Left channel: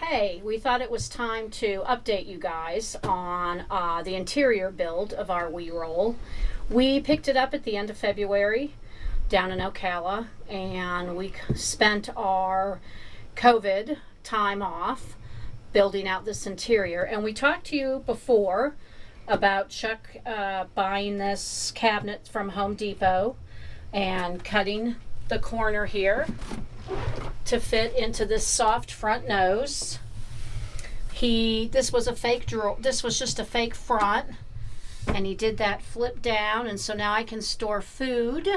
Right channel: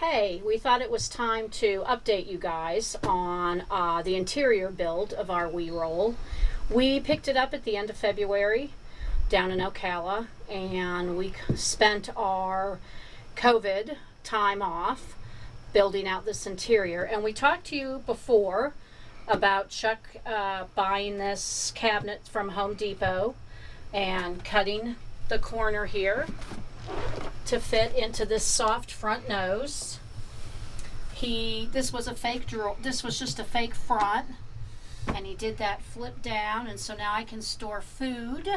Hey, we thought it was time to update you guys on the interior build of our WeeRoll. We picked it up at the end of February down in Ocala, and we spent our COVID time off building out this interior. And we talked to you before about Chuck buying this cabinet from Home Depot and cutting the corner here to fit into this soft front nose. This was a fake drawer. This was just a fake front, and he did that flip down, and so now I can store food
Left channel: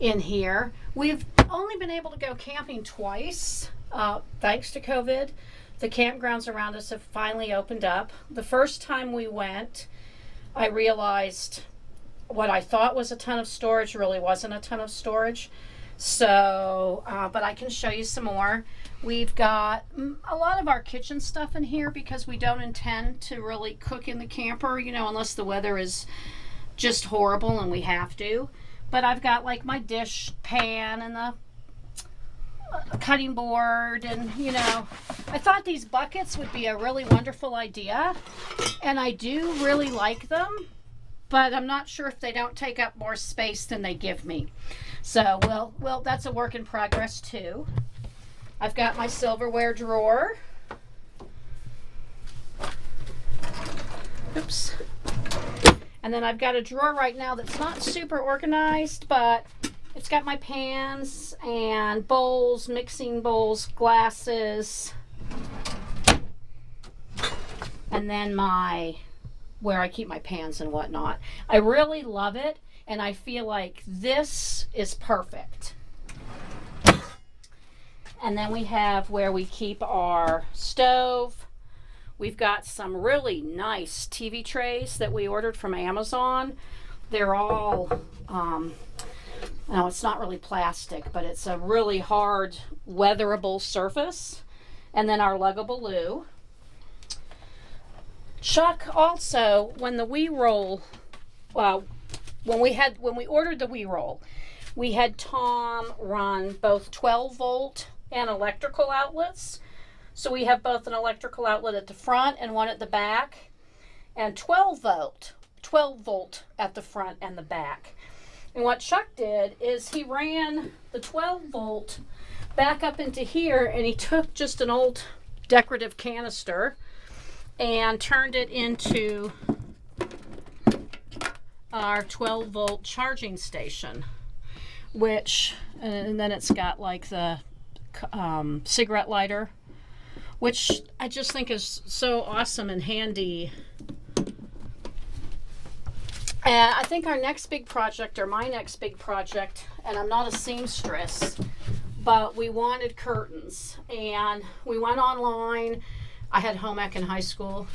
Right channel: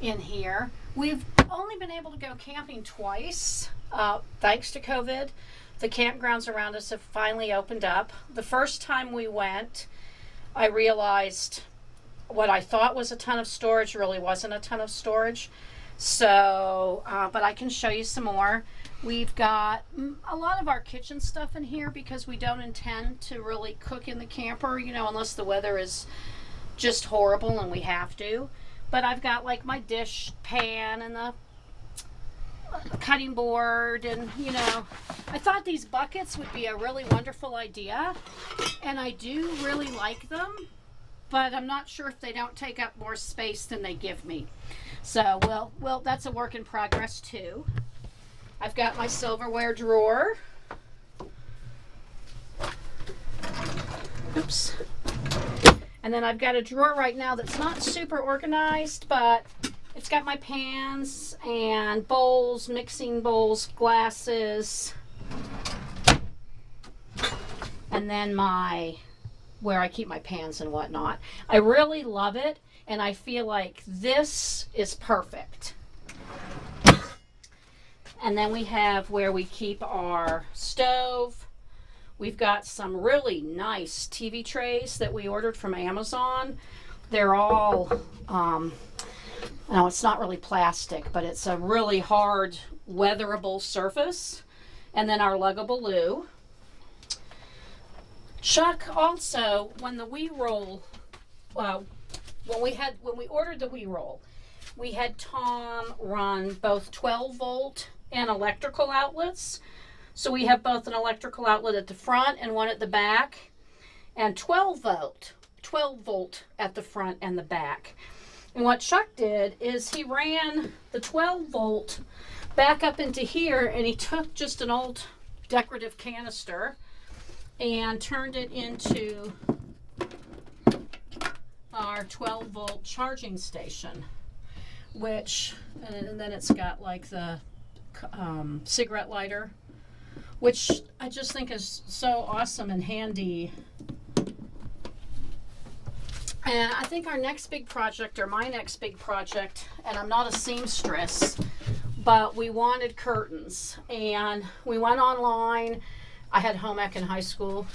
in here. We've only been able to go camping twice, thanks to COVID. The campgrounds around us have finally opened up. The first time we went, I realized what I thought was a ton of storage really wasn't a ton of storage. So, but I can show you some more. We've got a lot of our kitchen stuff in here because we don't intend to really cook in the camper, unless the weather is just horrible and we have to. But I've got like my dish pan and the cutting board, and I thought these buckets would be a really wonderful idea, and I do really like them, but I'm not sure if they don't take up more space than they give me. So, well, that's a work in progress too. I've got my silverware drawer. Oops. And then I've got a drawer right now that's not super organized, but it's got my pans and bowls, mixing bowls, glasses, and then where I keep my pans and whatnot. I really love it, and I feel like this is perfect. And then we have where we keep our stove. We've got some really nice TV trays that we ordered from Amazon. They're all, no, it's not really plastic, but it's a really hard, weatherable surface. And then our luggable loo. Chuck also, when the WeeRoll, when we ordered the WeeRoll, we had Tom run both 12 volt and electrical outlets. So we have both an electrical outlet at the front and one at the back, and 12 volt at the front and the back. And what Chuck did is he ran the 12 volt back up into here, and he took just an old decorative canister and turned it into our 12 volt charging station, and then it's got like the cigarette lighter, which I just think is so awesome and handy. And I think our next big project, or my next big project, and I'm not a seamstress, but we wanted curtains, and we went online. I had home ec in high school,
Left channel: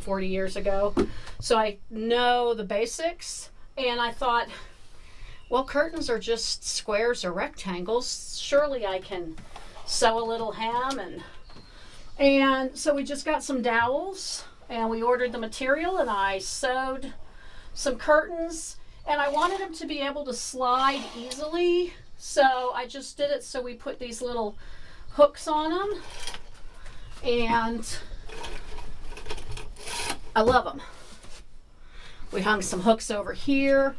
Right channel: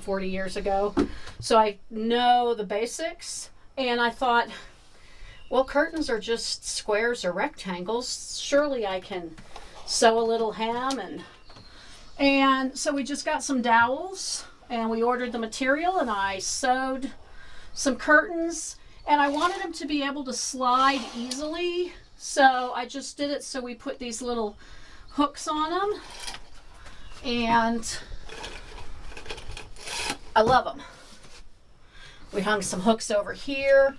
40 years ago. So I know the basics. And I thought, well, curtains are just squares or rectangles. Surely I can sew a little hem. And so we just got some dowels, and we ordered the material, and I sewed some curtains. And I wanted them to be able to slide easily. So I just did it so we put these little hooks on them. And I love them. We hung some hooks over here.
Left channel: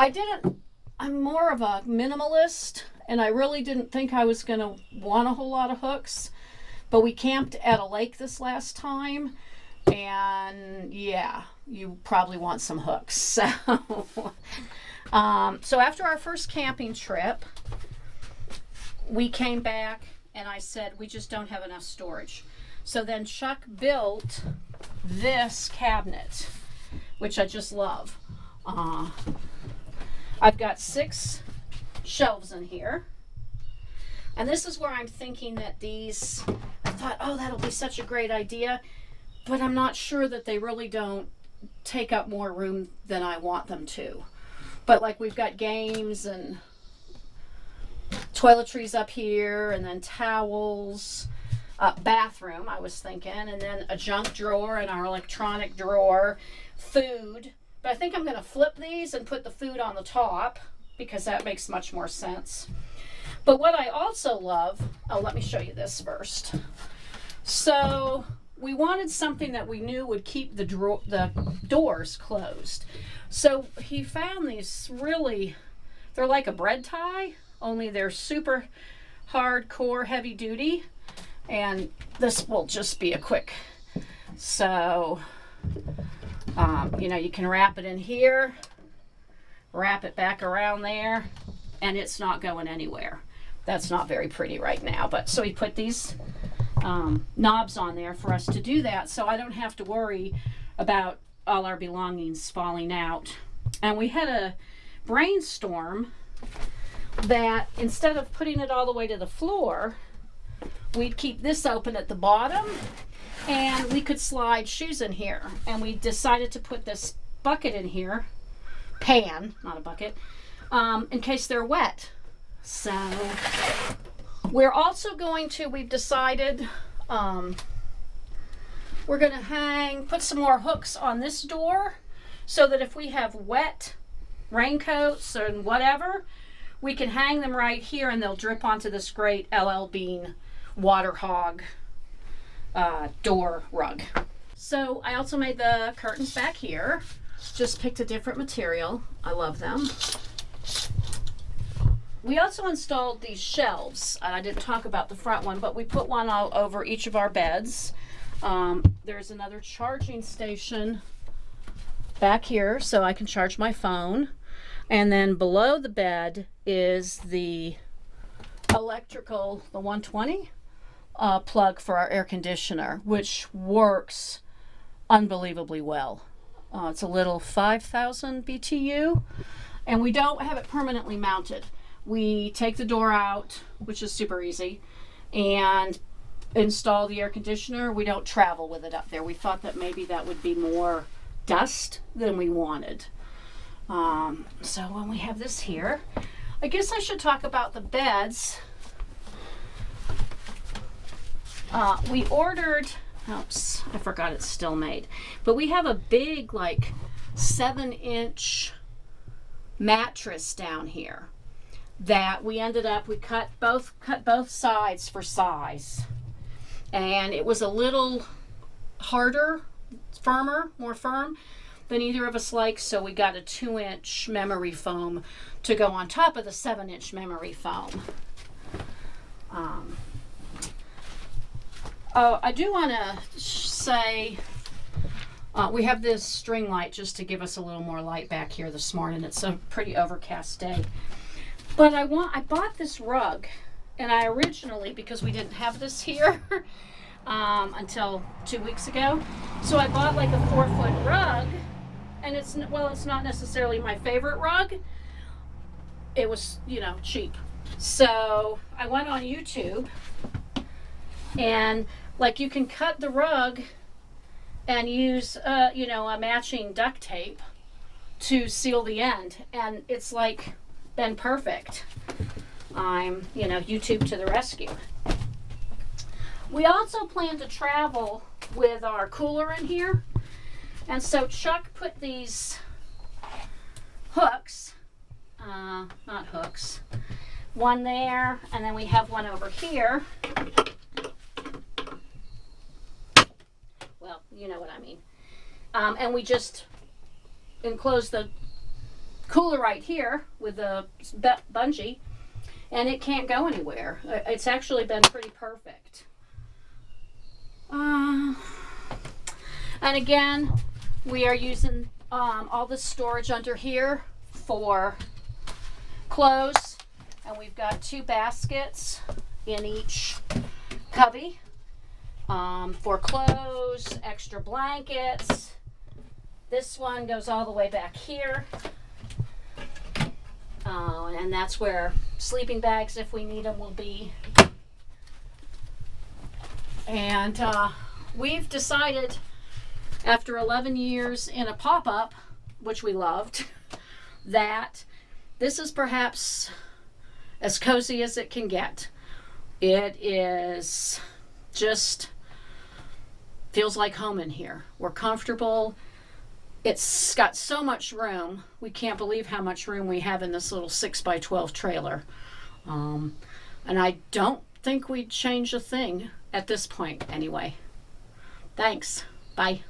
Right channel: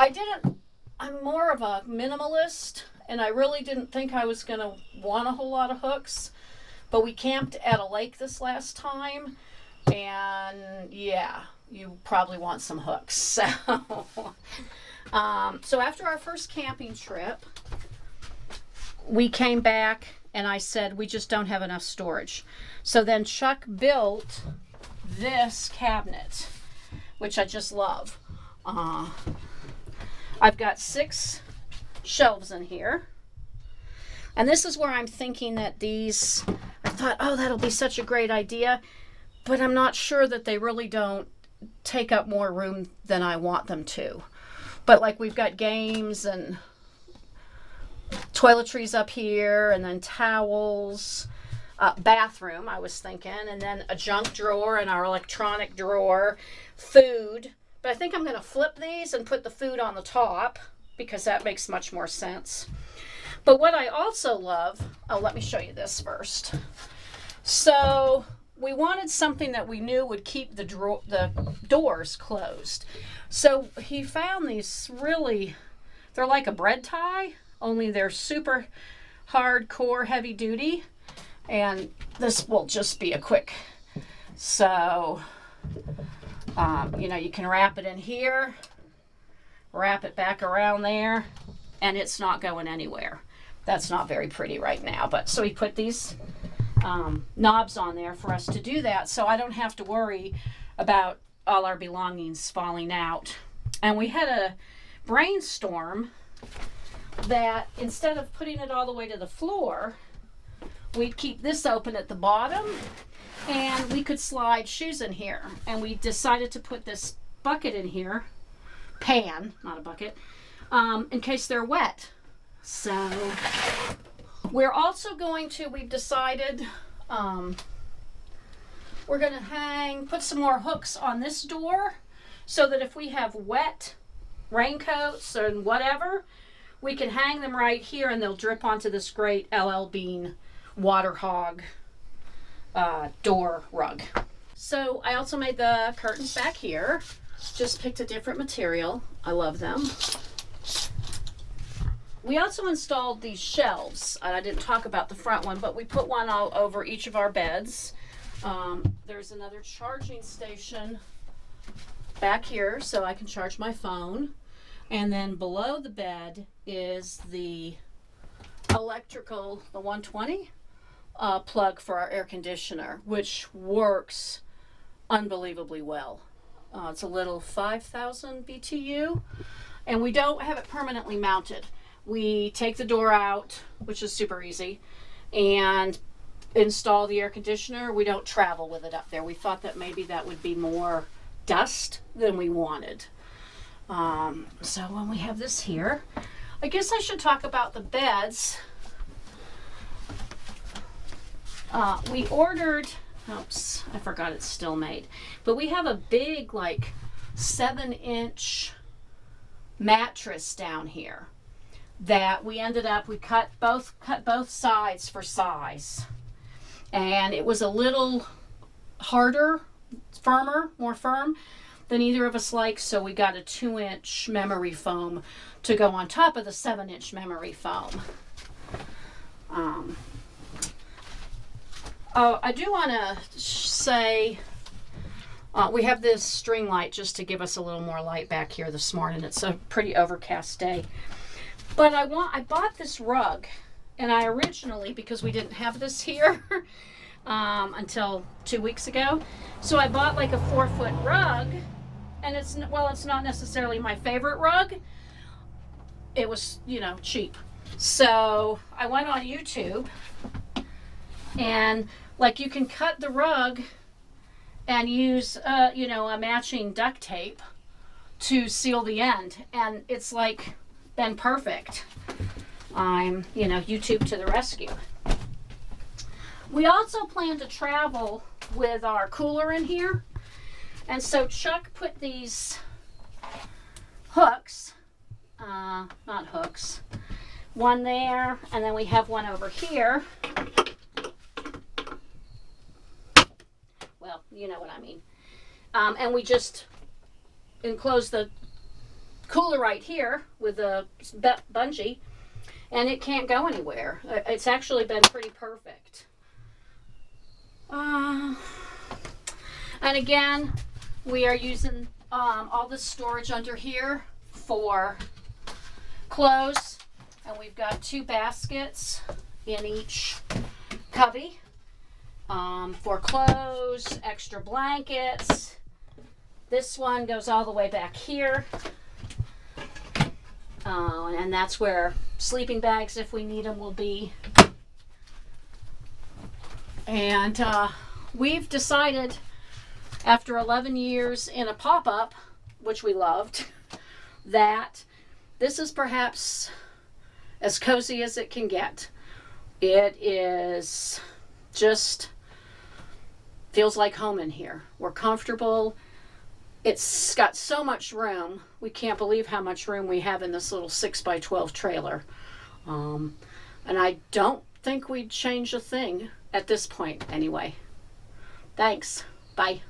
I'm more of a minimalist, and I really didn't think I was going to want a whole lot of hooks. But we camped at a lake this last time, and yeah, you probably want some hooks. So, so after our first camping trip, we came back, and I said, we just don't have enough storage. So then Chuck built this cabinet, which I just love. I've got 6 shelves in here. And this is where I'm thinking that I thought, oh, that'll be such a great idea. But I'm not sure that they really don't take up more room than I want them to. But like we've got games and toiletries up here, and then towels, bathroom, I was thinking, and then a junk drawer and our electronic drawer, food. But I think I'm going to flip these and put the food on the top because that makes much more sense. But what I also love, let me show you this first. So we wanted something that we knew would keep the doors closed. So he found these really, they're like a bread tie, only they're super hardcore heavy duty. And this will just be a quick, so, you know, you can wrap it in here, wrap it back around there, and it's not going anywhere. That's not very pretty right now, but so we put these knobs on there for us to do that, so I don't have to worry about all our belongings falling out. And we had a brainstorm that instead of putting it all the way to the floor, we'd keep this open at the bottom and we could slide shoes in here. And we decided to put this bucket in here, pan, not a bucket, in case they're wet. So we're also going to, we've decided, we're going to put some more hooks on this door so that if we have wet raincoats or whatever, we can hang them right here and they'll drip onto this great LL Bean water hog door rug. So I also made the curtains back here. Just picked a different material. I love them. We also installed these shelves. I didn't talk about the front one, but we put one all over each of our beds. There's another charging station back here so I can charge my phone. And then below the bed is the electrical, the 120 plug for our air conditioner, which works unbelievably well. It's a little 5,000 BTU, and we don't have it permanently mounted. We take the door out, which is super easy, and install the air conditioner. We don't travel with it up there. We thought that maybe that would be more dust than we wanted. So when we have this here, I guess I should talk about the beds. We ordered, oops, I forgot it's still made, but we have a big, like 7-inch mattress down here that we ended up, we cut both sides for size, and it was a little harder, firmer, more firm than either of us likes, so we got a 2-inch memory foam to go on top of the 7-inch memory foam. I do want to say we have this string light just to give us a little more light back here this morning. It's a pretty overcast day. But I bought this rug, and I originally, because we didn't have this here until 2 weeks ago, so I bought like a 4-foot rug, and it's not necessarily my favorite rug. It was, cheap. So I went on YouTube, and like you can cut the rug and use, a matching duct tape to seal the end, and it's like been perfect. I'm, YouTube to the rescue. We also plan to travel with our cooler in here, and so Chuck put these hooks, not hooks, one there, and then we have one over here. Well, you know what I mean. And we just enclose the cooler right here with a bungee, and it can't go anywhere. It's actually been pretty perfect. And again, we are using all the storage under here for clothes, and we've got 2 baskets in each cubby for clothes, extra blankets. This one goes all the way back here, and that's where sleeping bags, if we need them, will be. And we've decided, after 11 years in a pop-up, which we loved, that this is perhaps as cozy as it can get. It is just feels like home in here. We're comfortable. It's got so much room. We can't believe how much room we have in this little 6x12 trailer. And I don't think we'd change a thing at this point anyway. Thanks. Bye.